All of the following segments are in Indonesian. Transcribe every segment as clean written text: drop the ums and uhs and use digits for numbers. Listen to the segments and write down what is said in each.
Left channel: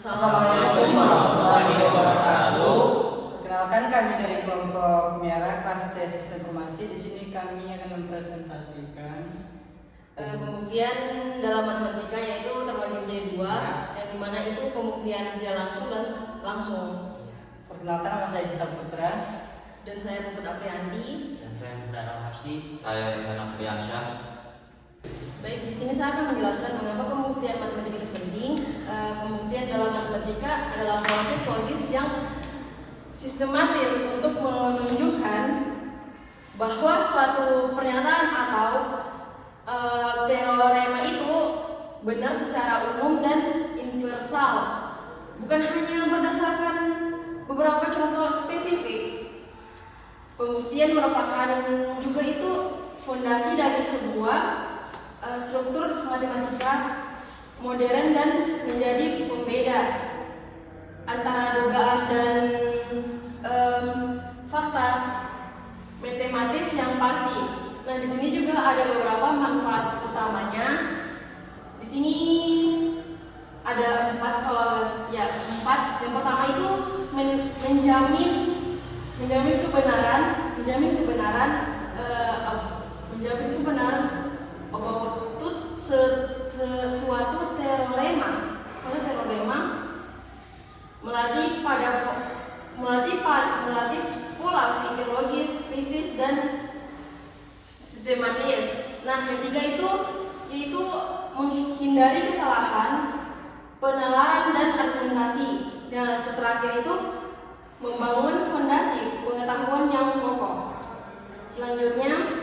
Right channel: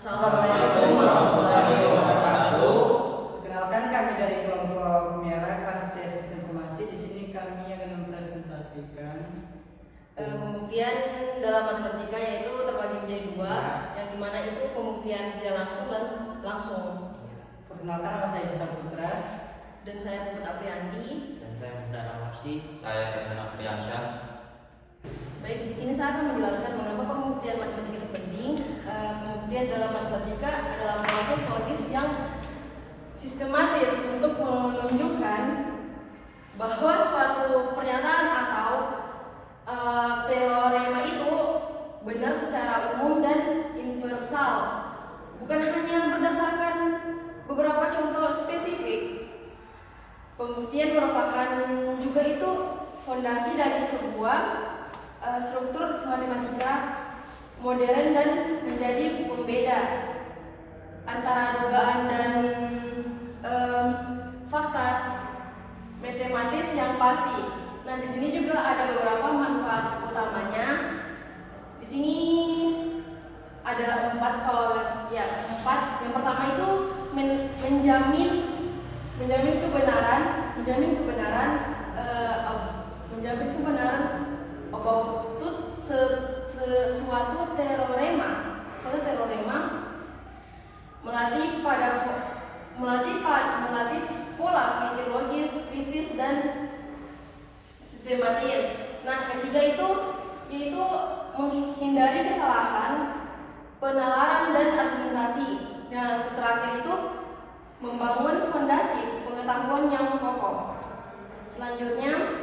Assalamualaikum warahmatullahi wabarakatuh. Perkenalkan, kami dari kelompok Miara kelas C Sistem Informasi. Di sini kami akan mempresentasikan pembuktian dalam matematika, yaitu terbagi menjadi dua, yang dimana itu pembuktian tidak langsung dan langsung. Perkenalkan, nama saya Bisa Putra Dan saya Putut Aprianti. Dan saya Muhdara Hapsi. Saya Rehana Friansyah. Baik, di sini saya akan menjelaskan mengapa pembuktian matematika itu penting. Pembuktian dalam matematika adalah proses logis yang sistematis untuk menunjukkan bahwa suatu pernyataan atau teorema itu benar secara umum dan universal, bukan hanya berdasarkan beberapa contoh spesifik. Pembuktian merupakan juga itu fondasi dari sebuah struktur matematika modern dan menjadi pembeda antara dugaan dan fakta matematis yang pasti. Nah, di sini juga ada beberapa manfaat utamanya. Di sini ada empat. Yang pertama itu menjamin kebenaran about suatu teorema melatih pola pikir logis, kritis, dan sistematis. Nah, ketiga itu yaitu menghindari kesalahan penalaran dan argumentasi. Dan terakhir itu membangun fondasi pengetahuan yang kokoh. Selanjutnya,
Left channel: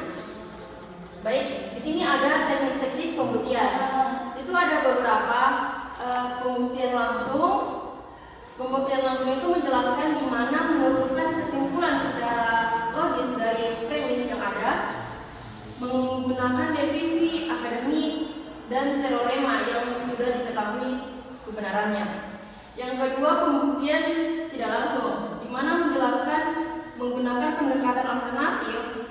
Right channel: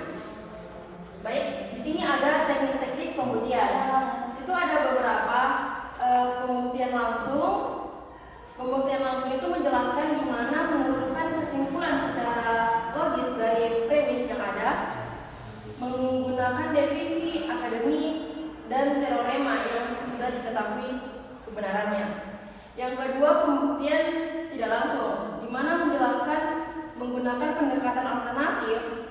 baik, di sini ada teknik-teknik pembuktian. Itu ada beberapa pembuktian langsung. Pembuktian langsung itu menjelaskan gimana menurunkan kesimpulan secara logis dari premis yang ada, menggunakan definisi akademik dan teorema yang sudah diketahui kebenarannya. Yang kedua, pembuktian tidak langsung, di mana menjelaskan menggunakan pendekatan alternatif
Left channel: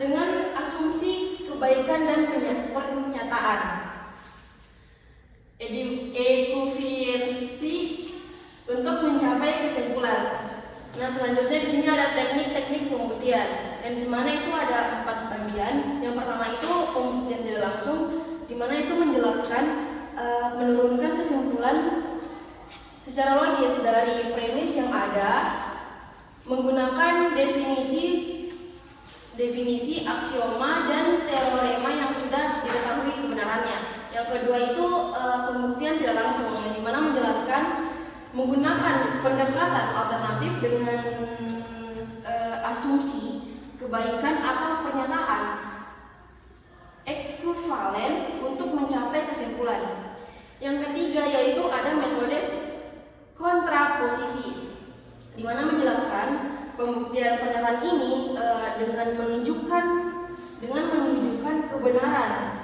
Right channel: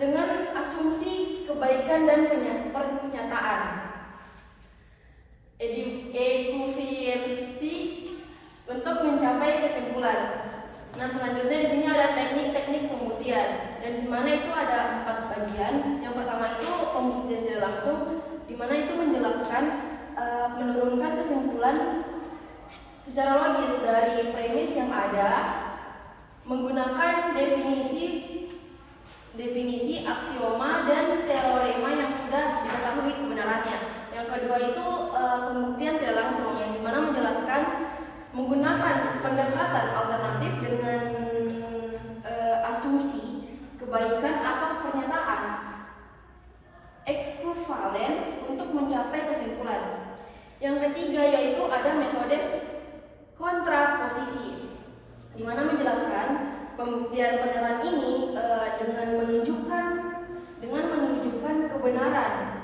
dengan asumsi kebaikan dan pernyataan. Ekuivalensi untuk mencapai kesimpulan. Nah, selanjutnya di sini ada teknik-teknik pembuktian, dan di mana itu ada 4 bagian. Yang pertama itu pembuktian tidak langsung, di mana itu menjelaskan menurunkan kesimpulan secara logis dari premis yang ada, menggunakan definisi aksioma dan teorema yang sudah diketahui kebenarannya. Yang kedua itu pembuktian tidak langsung, yang dimana menjelaskan menggunakan pendekatan alternatif dengan asumsi kebaikan atau pernyataan ekuivalen untuk mencapai kesimpulan. Yang ketiga yaitu ada metode kontraposisi, di mana menjelaskan pembuktian pernyataan ini dengan menunjukkan kebenaran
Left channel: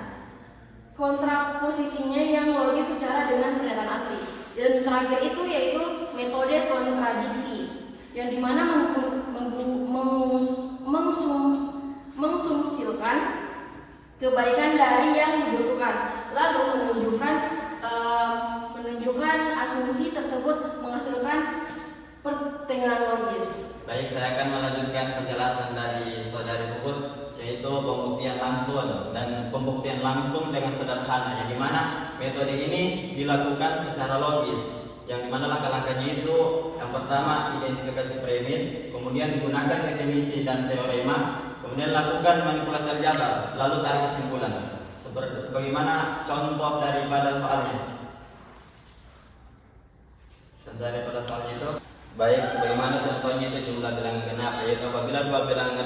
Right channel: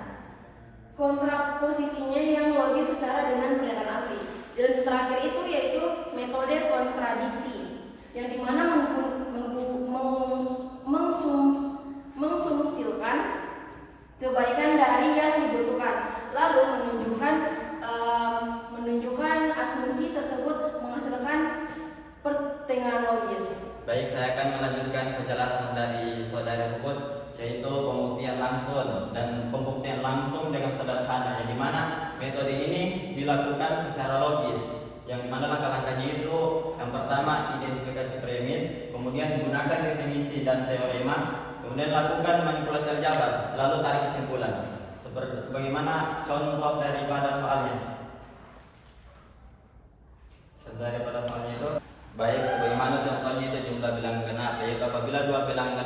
kontraposisinya yang logis secara dengan pernyataan asli. Dan terakhir itu yaitu metode kontradiksi, yang dimana mensumsilkan kebaikan dari yang dibutuhkan, lalu menunjukkan asumsi tersebut menghasilkan pertengahan logis. Baik, saya akan melanjutkan penjelasan dari saudara Puput, yaitu pembuktian langsung. Dan pembuktian langsung dengan sederhana, yang dimana metode ini dilakukan secara logis, yang dimana langkah-langkahnya itu yang pertama identifikasi premis, kemudian gunakan definisi dan teorema, kemudian lakukan manipulasi aljabar, lalu tarik kesimpulan. Sebagaimana contoh daripada soalnya. Itu baik, sebagaimana contohnya itu jumlah bilangan genap, yaitu apabila dua bilangan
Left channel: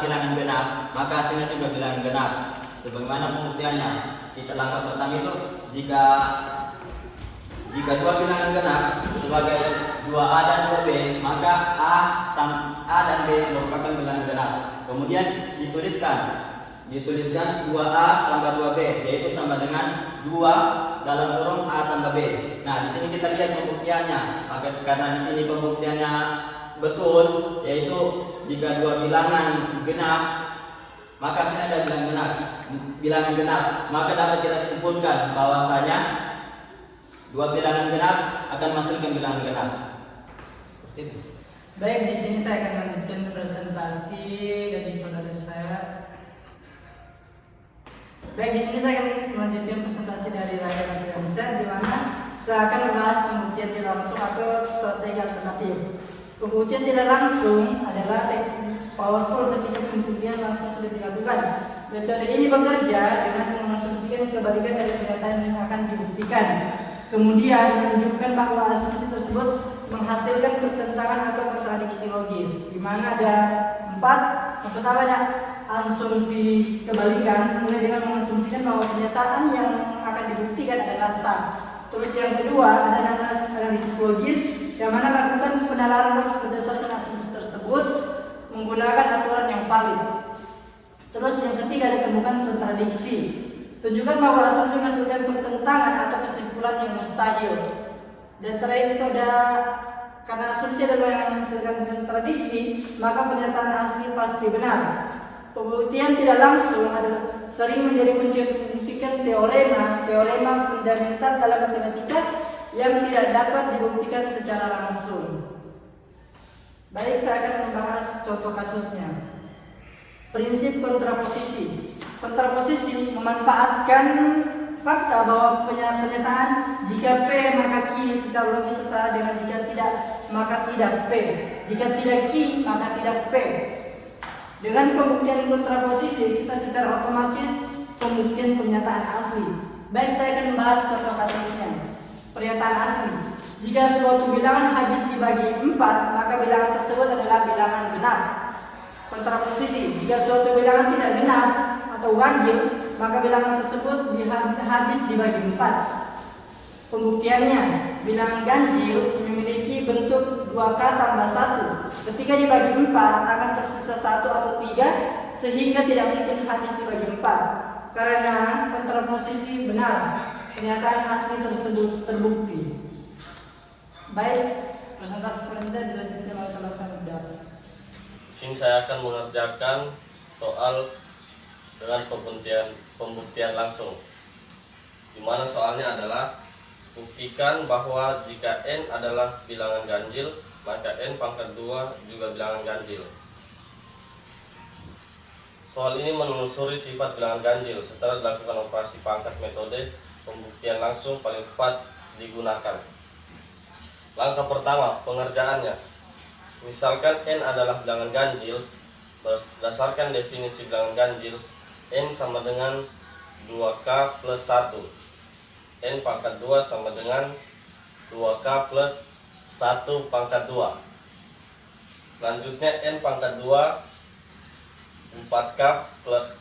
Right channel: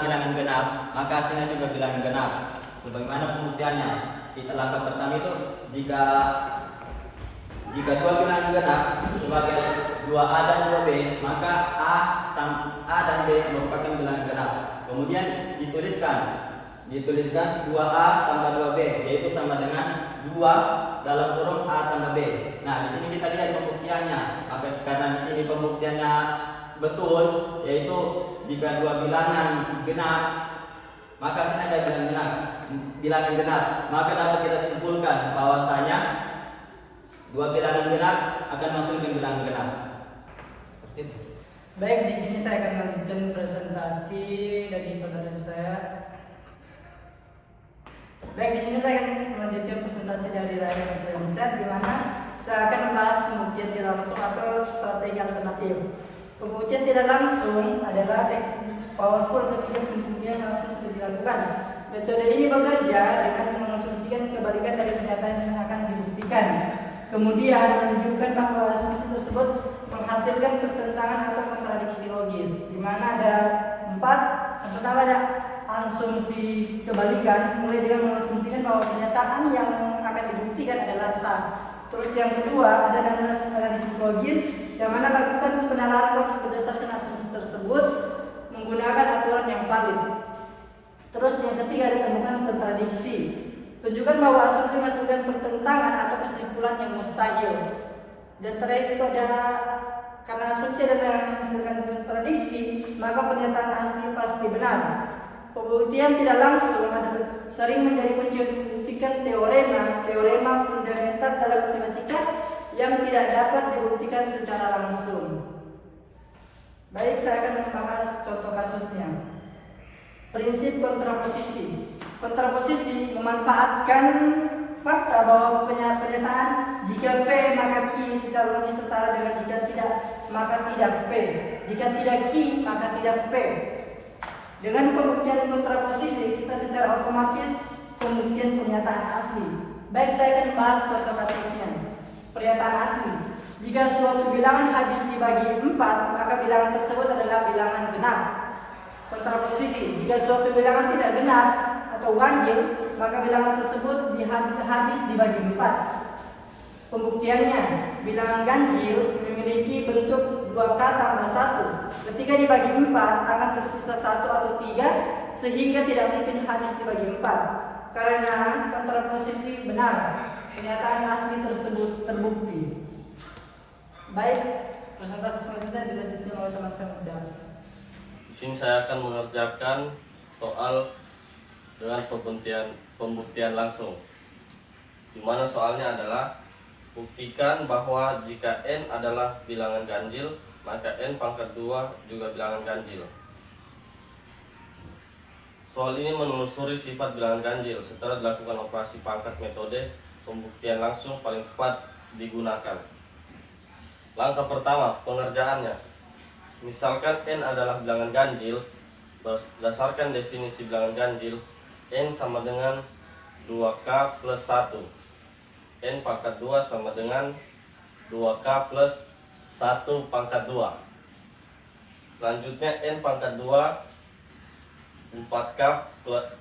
bilangan genap, maka hasilnya juga bilangan genap. Sebagaimana pembuktiannya, kita langkah pertama itu jika dua bilangan genap sebagai 2A dan 2B, maka A dan B merupakan bilangan genap. Kemudian dituliskan 2A tambah 2B, yaitu sama dengan 2 dalam kurung A tambah B. Nah, di sini kita lihat pembuktiannya. Karena di sini pembuktiannya betul, yaitu jika dua bilangan genap maka sini ada bilangan genap, maka dapat kita simpulkan bahwasanya dua bilangan genap akan menghasilkan bilangan genap. Seperti itu. Baik, di sini saya akan melanjutkan presentasi dari saudara saya. Baik, di sini saya akan melanjutkan presentasi dari Raya Nafriansyah, di mana saya akan membahas pembuktian tidak langsung atau strategi alternatif. Pembuktian tidak langsung adalah teknik powerful ketika pembuktian langsung sudah dilakukan. Metode ini bekerja dengan mengasumsikan kebalikan dari kenyataan yang akan dibuktikan. Kemudian menunjukkan bahwa asumsi tersebut menghasilkan pertentangan atau kontradiksi logis, di mana ada 4. Yang pertama ada asumsi kebalikan, mulai dengan mengasumsikan bahwa pernyataan yang akan dibuktikan adalah sah. Terus yang kedua ada analisis logis, yang mana lakukan penalaran logis berdasarkan asumsi tersebut menggunakan aturan yang valid. Terus yang ketiga ada temukan kontradiksi, tunjukkan bahwa asumsi menghasilkan pertentangan atau kesimpulan yang mustahil. Dan terakhir itu ada karena asumsi adalah menghasilkan kontradiksi, maka pernyataan asli pasti benar. Pembuktian tidak langsung sering menjadi kunci untuk membuktikan teorema fundamental dalam matematika yang tidak dapat dibuktikan secara langsung. Baik, saya akan membahas contoh kasusnya. Prinsip kontraposisi. Kontraposisi memanfaatkan fakta bahwa pernyataan jika P maka Q tidak logis setara dengan jika tidak maka tidak P. Jika tidak Q maka tidak P. Dengan pembuktian kontraposisi kita secara otomatis pembuktian pernyataan asli. Baik, saya akan bahas contoh kasusnya. Pernyataan asli. Jika suatu bilangan habis dibagi 4, maka bilangan tersebut adalah bilangan genap. Kontraposisi. Jika suatu bilangan tidak genap atau ganjil, maka bilangan tersebut habis dibagi 4. Pembuktiannya, bilangan ganjil memiliki bentuk 2K tambah 1. Ketika dibagi 4 akan tersisa 1 atau 3, sehingga tidak mungkin habis dibagi 4. Karena kontraposisi benar, pernyataan asli tersebut terbukti. Baik, presentasi selanjutnya dilanjutkan oleh teman saya muda. Di sini saya akan mengerjakan soal dengan pembuktian langsung, di mana soalnya adalah buktikan bahwa jika n adalah bilangan ganjil, maka n pangkat 2 juga bilangan ganjil. Soal ini menelusuri sifat bilangan ganjil setelah dilakukan operasi pangkat. Metode pembuktian langsung paling tepat digunakan. Langkah pertama, pengerjaannya. Misalkan n adalah bilangan ganjil, berdasarkan definisi bilangan ganjil, n sama dengan 2K plus 1. N pangkat 2 sama dengan 2K plus 1 pangkat 2. Selanjutnya n pangkat 2 4K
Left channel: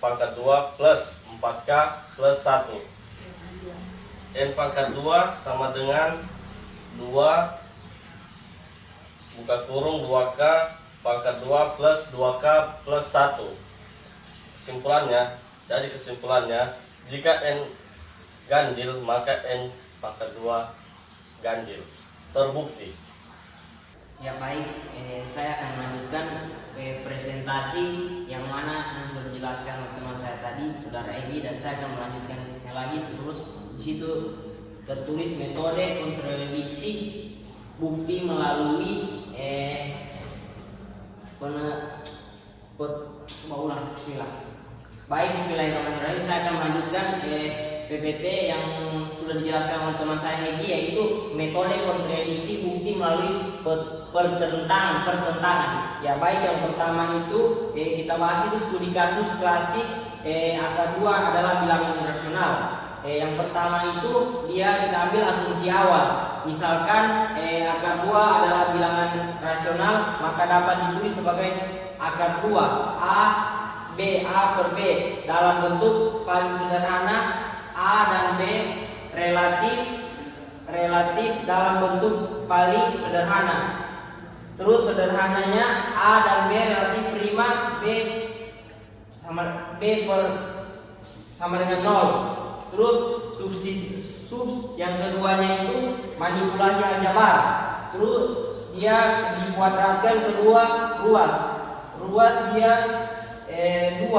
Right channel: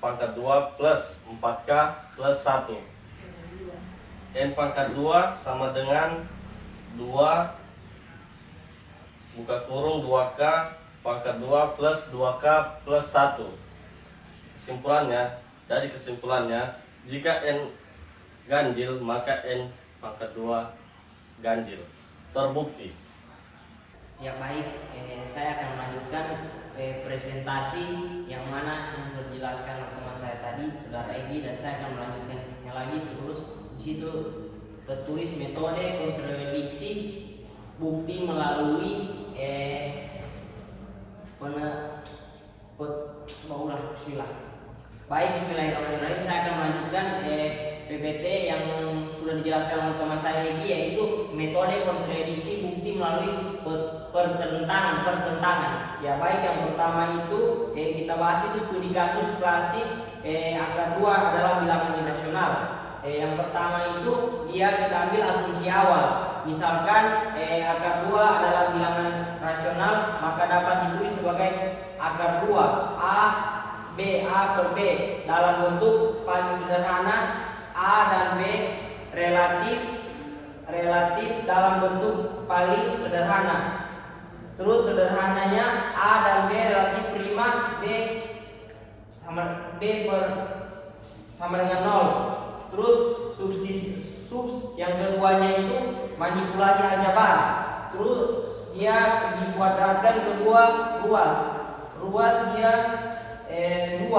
pangkat 2 plus 4K plus 1. N pangkat 2 sama dengan 2 buka kurung 2K pangkat 2 plus 2K plus 1. Dari kesimpulannya, jika n ganjil maka n pangkat 2 ganjil. Terbukti. Ya baik, saya akan melanjutkan presentasi yang mana yang sudah dijelaskan oleh teman saya tadi, saudara Egi, dan saya akan melanjutkannya lagi. Terus di situ tertulis metode kontradiksi bukti melalui bismillah. Baik, bismillahirrahmanirrahim. Saya akan melanjutkan PPT yang sudah dijelaskan oleh teman saya Egi, yaitu metode kontradiksi bukti melalui pertentangan. Ya baik, yang pertama itu kita bahas itu studi kasus klasik angka 2 adalah bilangan irasional. Yang pertama itu kita ambil asumsi awal. Misalkan akar 2 adalah bilangan rasional, maka dapat ditulis sebagai akar 2 A per B dalam bentuk paling sederhana, A dan B relatif dalam bentuk paling sederhana. Terus sederhananya A dan B relatif prima, B sama dengan 0. Terus yang keduanya itu manipulasi aljabar. Terus dia dikuadratkan kedua ruas dia 2.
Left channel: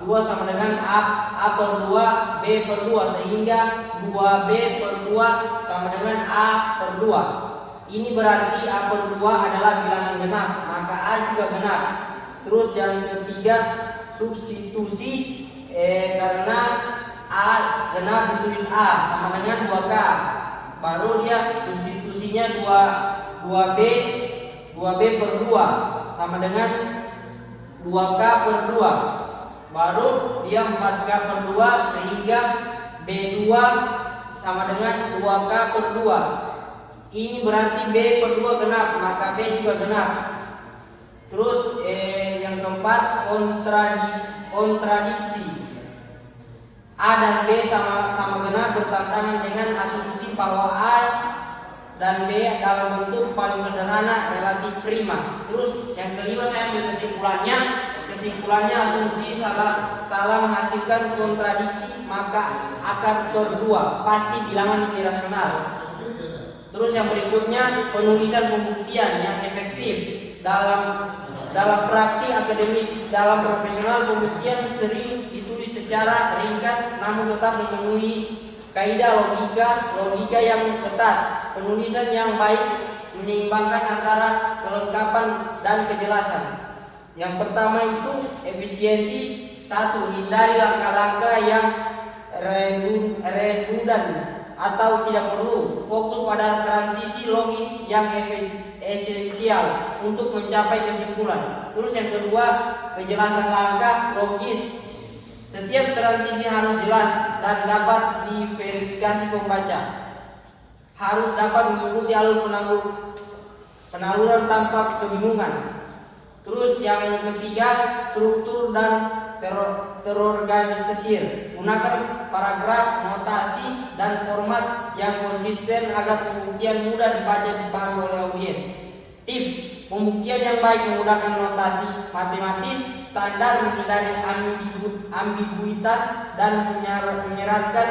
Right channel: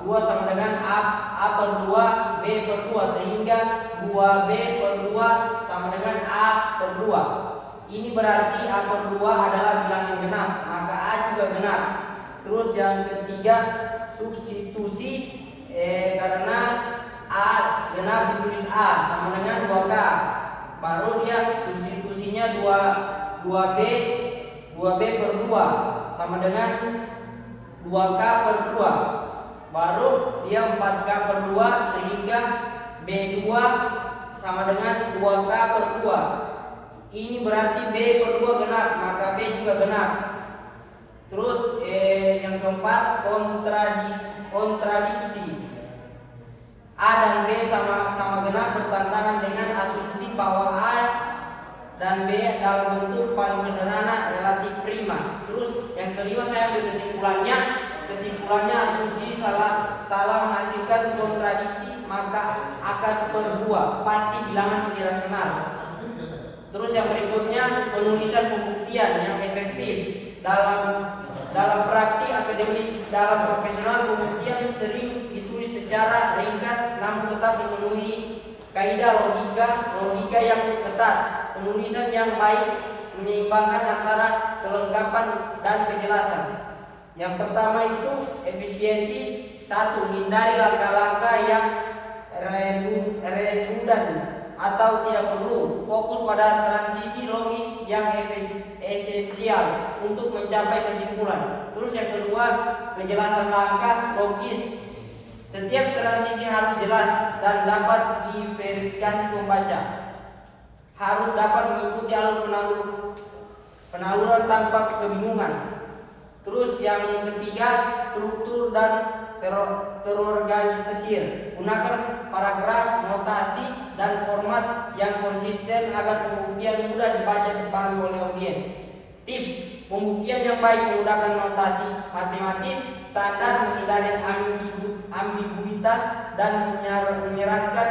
2 sama dengan A per 2 B per 2, sehingga 2B per 2 sama dengan A per 2. Ini berarti A per 2 adalah bilangan genap, maka A juga genap. Terus yang ketiga, substitusi karena A genap ditulis A sama dengan 2K. Baru dia substitusinya 2B per 2 sama dengan 2K per 2. Baru dia 4K per 2, sehingga B2 sama dengan 2K per 2. Ini berarti B per 2 genap, maka B juga genap. Terus yang keempat, kontradiksi. A dan B sama genap bertentangan dengan asumsi bahwa A dan B dalam bentuk paling sederhana relatif prima. Terus yang kelima, saya ambil kesimpulannya asumsi salah menghasilkan kontradiksi, maka akan berdua pasti bilangan irasional. Terus yang berikutnya, penulisan pembuktian yang efektif. Dalam praktik akademis, dalam profesional, pembuktian sering ditulis secara ringkas namun tetap memenuhi kaidah logika yang ketat. Penulisan yang baik menyeimbangkan antara kelengkapan dan kejelasan. Yang pertama itu efisiensi. 1. Hindari langkah-langkah yang redundan atau tidak perlu. Fokus pada transisi logis yang esensial untuk mencapai kesimpulan. Terus yang kedua, kejelasan langkah logis. Setiap transisi harus jelas dan dapat diverifikasi pembaca. Harus dapat mengikuti alur penaluran tanpa kebingungan. Terus yang ketiga, struktur dan terorganisir. Gunakan paragraf, notasi, dan format yang konsisten agar pembuktian mudah dibaca dipahami oleh audiens. Tips pembuktian yang baik menggunakan notasi matematis standar, menghindari ambiguitas, dan menyeratkan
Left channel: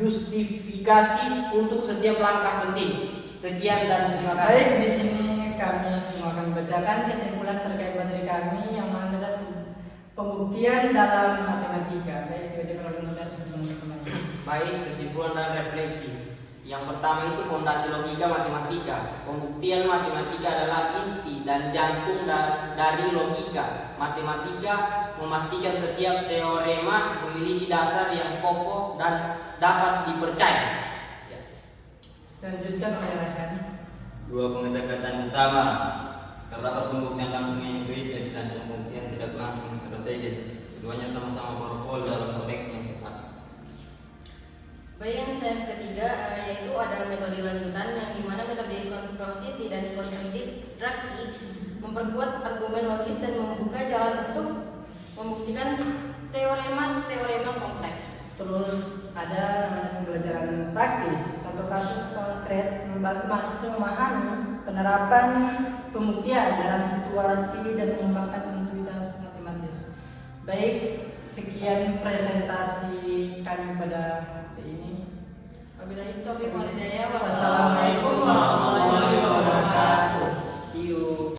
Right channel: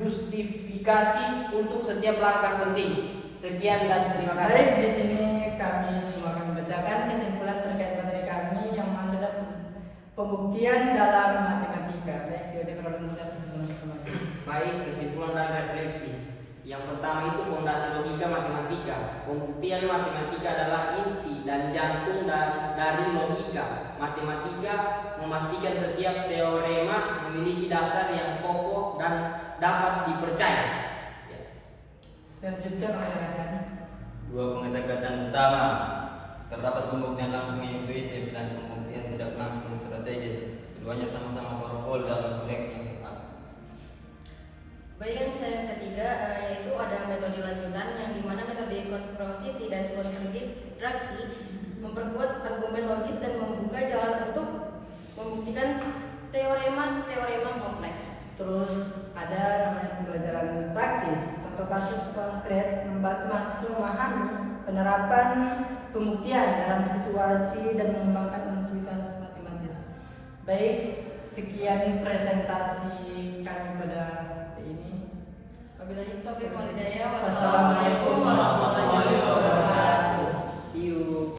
justifikasi untuk setiap langkah penting. Sekian dan terima kasih. Baik, di sini kami semua akan membacakan kesimpulan terkait materi kami yang adalah pembuktian dalam matematika. Baik, dibacakan oleh Muhammad sebelum kembali. Baik, kesimpulan dan refleksi. Yang pertama itu fondasi logika matematika. Pembuktian matematika adalah inti dan jantung dari logika. Matematika memastikan setiap teorema memiliki dasar yang kokoh dan dapat dipercaya. Lanjutkan oleh rekan. 2 pendekatan utama. Terdapat pembuktian langsung yang intuitif dan pembuktian tidak langsung yang strategis. Keduanya sama-sama powerful dalam konteks yang tepat. Baik, yang saya ketiga yaitu ada metode lanjutan, yang dimana metode komposisi dan kontraksi memperkuat argumen logis dan membuka jalan untuk membuktikan teorema kompleks. Terus ada namanya pembelajaran praktis. Contoh kasus konkret membantu mahasiswa memahami penerapan pembuktian dalam situasi dan mengembangkan intuitas matematis. Baik, sekian presentasi kami pada hari ini. Wabillahi taufiq wal hidayah. Wassalamualaikum warahmatullahi wabarakatuh.